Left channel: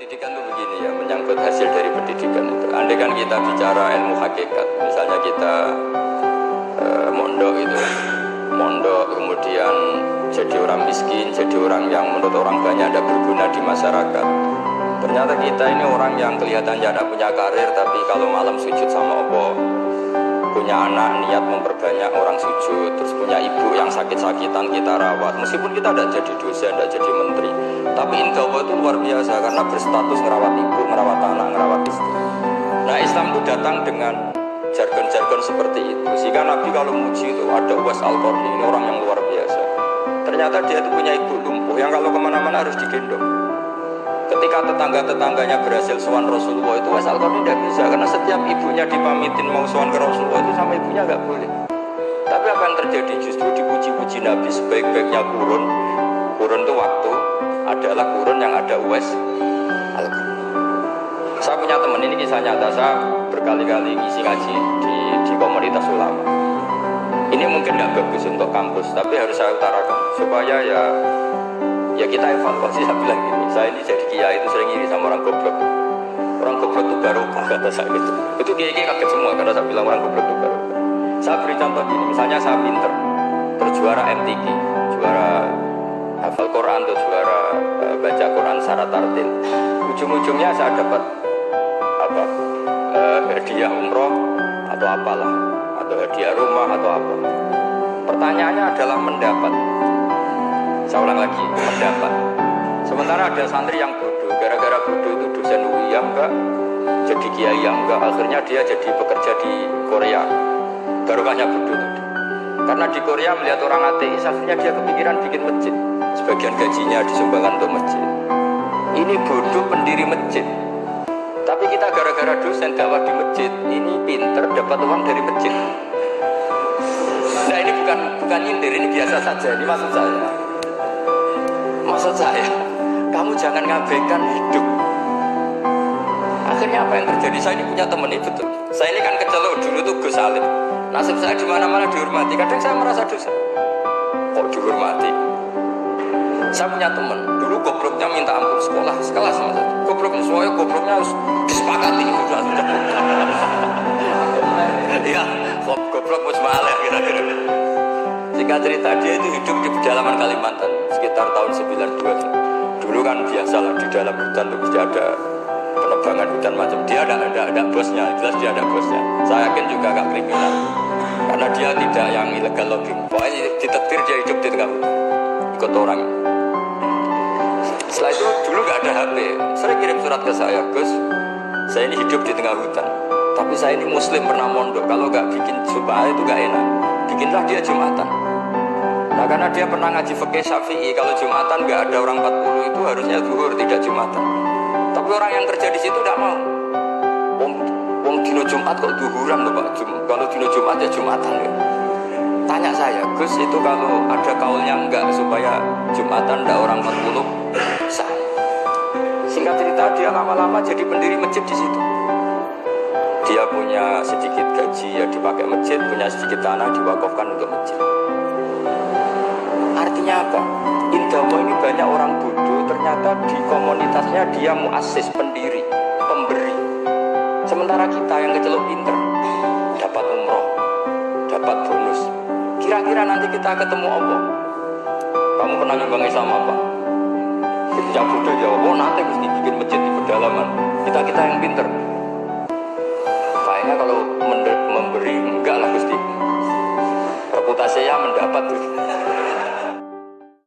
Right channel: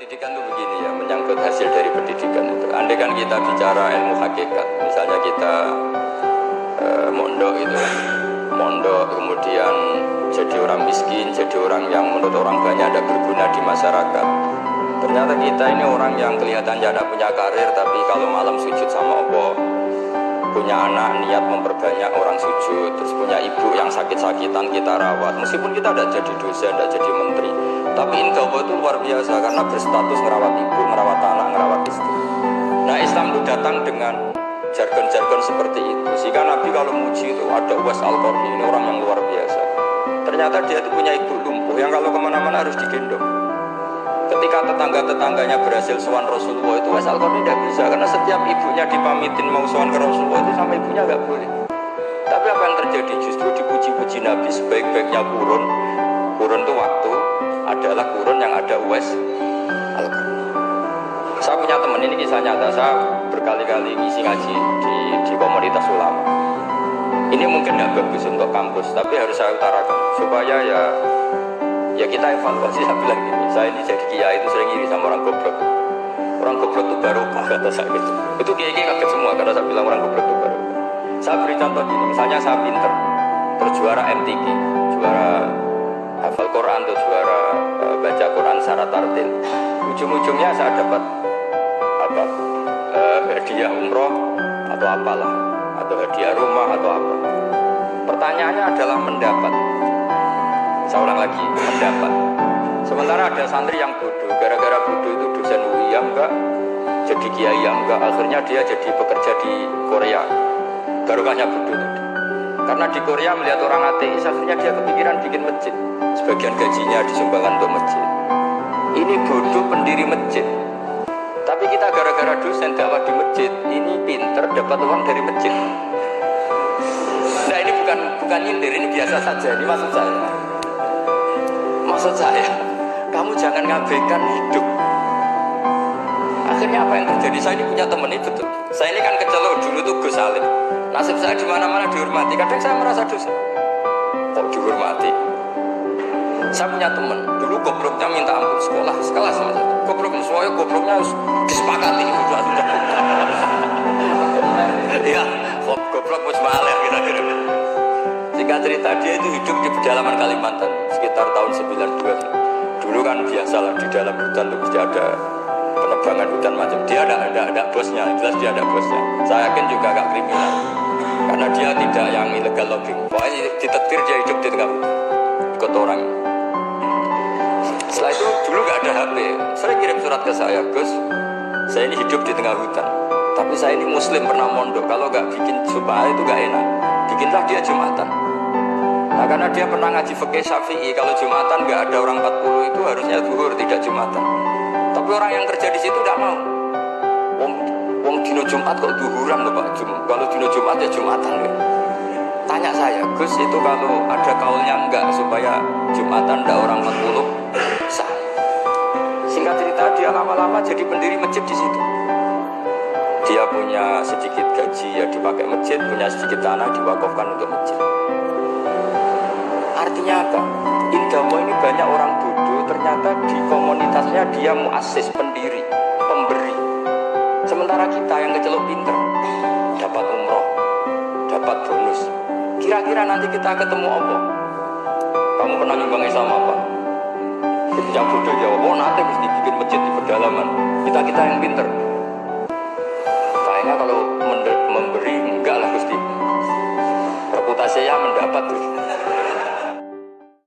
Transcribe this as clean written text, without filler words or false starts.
Pendidikan itu begini ya, menyangkut hasil dari pendidikan itu. Andai kan kita bicara ilmu hakikat, misalnya kita mondok itu, mondok kemudian jadi orang miskin, jadi orang yang menurut orang banyak ada berguna di masyarakat. Ternyata kita ini orang yang kelihatannya ada punya karir, tapi kalau malam sujud sama Allah, punya anak niat memperbanyak orang sujud, terus punya ibu yang sakit-sakitan kita rawat. Meskipun kita tidak jadi dosen, tidak jadi menteri, tapi indah Allah itu luar biasa karena berstatus ngerawat ibu, ngerawat anak, ngerawat istri. Nah Islam itu datang dengan jargon-jargon seperti itu. Sehingga Nabi kalau muji itu ada Uwais Al-Qarni, ini orang yang luar biasa. Ternyata dia itu punya ibu lumpuh yang kalau kemana-mana harus digendong. Ketika tetangga-tetangganya berhasil sowan Rasulullah itu Uwais Al-Qarni tidak bisa karena setiap ibunya dipamitin mau sowan ke Rasulullah itu sama ibunya nggak boleh. Tapi apa yang terjadi? Justru dipuji-puji Nabi sebaik-baiknya kurun itu waktu adalah kurun yang ada Uwais Al-Qarni. Saya punya teman, ini kisah nyata, saya berkali-kali ngisi ngaji di komunitas ulama. Ini mungkin nggak bagus untuk kampus, tapi harus saya utarakan supaya ya kita evaluasi. Saya bilang gini, saya ini jadi kiai itu sering iri sama orang goblok. Orang goblok itu barokah kata saya gitu. Itu kiai-kiai kaget semua karena saya bilang orang goblok itu barokah. Saya beri contoh gini, misalnya saya pinter, terjuara MTQ, juara hafal Quran atau juara baca Quran secara tartil. Ujung-ujungnya saya dapat hadiah umroh atau apalah, atau hadiah rumah atau apa. Pertanyaannya adalah mendapat. Saya ulang lagi, mendapat. Sementara ada santri yang bodoh, gara-gara bodoh itu dosen UI yang enggak, jadi kiai yang enggak, akhirnya dia jadi bekerja di Korea. Barokahnya bodoh tadi. Karena di Korea melihat orang ateis, akhirnya dia kepikiran bikin masjid. Sebagian gajinya disumbangkan untuk masjid. Ini bodoh pendiri masjid. Tapi kita gara-gara dosen dakwah di masjid, ini pinter dapat uang dari masjid. Nah ini bukan nyindir, ini biasa saja. Ini maksud saya, kamu jangan ngabaikan hidup. Akhirnya apa yang terjadi? Saya ini punya teman ini betul. Saya ini kan kecelok dulu tuh Gus Salim. Nasib saya di mana-mana dihormati. Kadang saya merasa dosa. Kok dihormati? Saya punya teman, dulu gobloknya minta ampun sekolah, sekelas sama saya. Gobloknya, semuanya gobloknya harus disepakati. Iya, goblok musmaal ya kira-kira. Singkat cerita, dia itu hidup di pedalaman Kalimantan sekitar tahun 92. Dulu kan biasalah di dalam hutan itu mesti ada penebangan hutan macam. Dia ada bosnya, jelas dia ada bosnya. Saya yakin juga agak kriminal karena dia tidak yang illegal logging. Pokoknya ditetir dia hidup di tengah hutan, ikut orang. Setelah itu dulu gak ada HP. Saya kirim surat ke saya, Gus, saya ini hidup di tengah hutan, tapi saya ini muslim pernah mondok. Kalau gak bikin supaya itu gak enak, bikinlah dia Jumatan. Nah karena dia pernah ngaji fikih Syafi'i, kalau Jumatan gak ada orang 40 itu harusnya zuhur, tidak Jumatan. Tapi orang yang kerja di situ gak mau. Wong dino Jumat kok zuhuran loh Pak. Kalau dino Jumat ya Jumatan ya. Tanya saya, Gus itu kalau ada kaulnya enggak supaya Jumatan enggak orang 40 sah. Singkat cerita dia lama-lama jadi pendiri masjid di situ. Dia punya sedikit gaji ya dipakai masjid, punya sedikit tanah diwakafkan untuk masjid. Artinya apa? Indahmu ini banyak orang bodoh, ternyata di komunitasnya dia muassis, pendiri, pemberi. Sementara kita yang kecelok pinter, dapat umroh, dapat bonus. Kira-kira nanti kita ketemu Allah, kamu pernah nyumbang Islam apa? Yang bodoh jawab, oh nanti mesti bikin masjid di pedalaman. Kita yang pinter. Kayaknya kalau memberi enggak lah Gusti. Reputasinya mendapat tuh.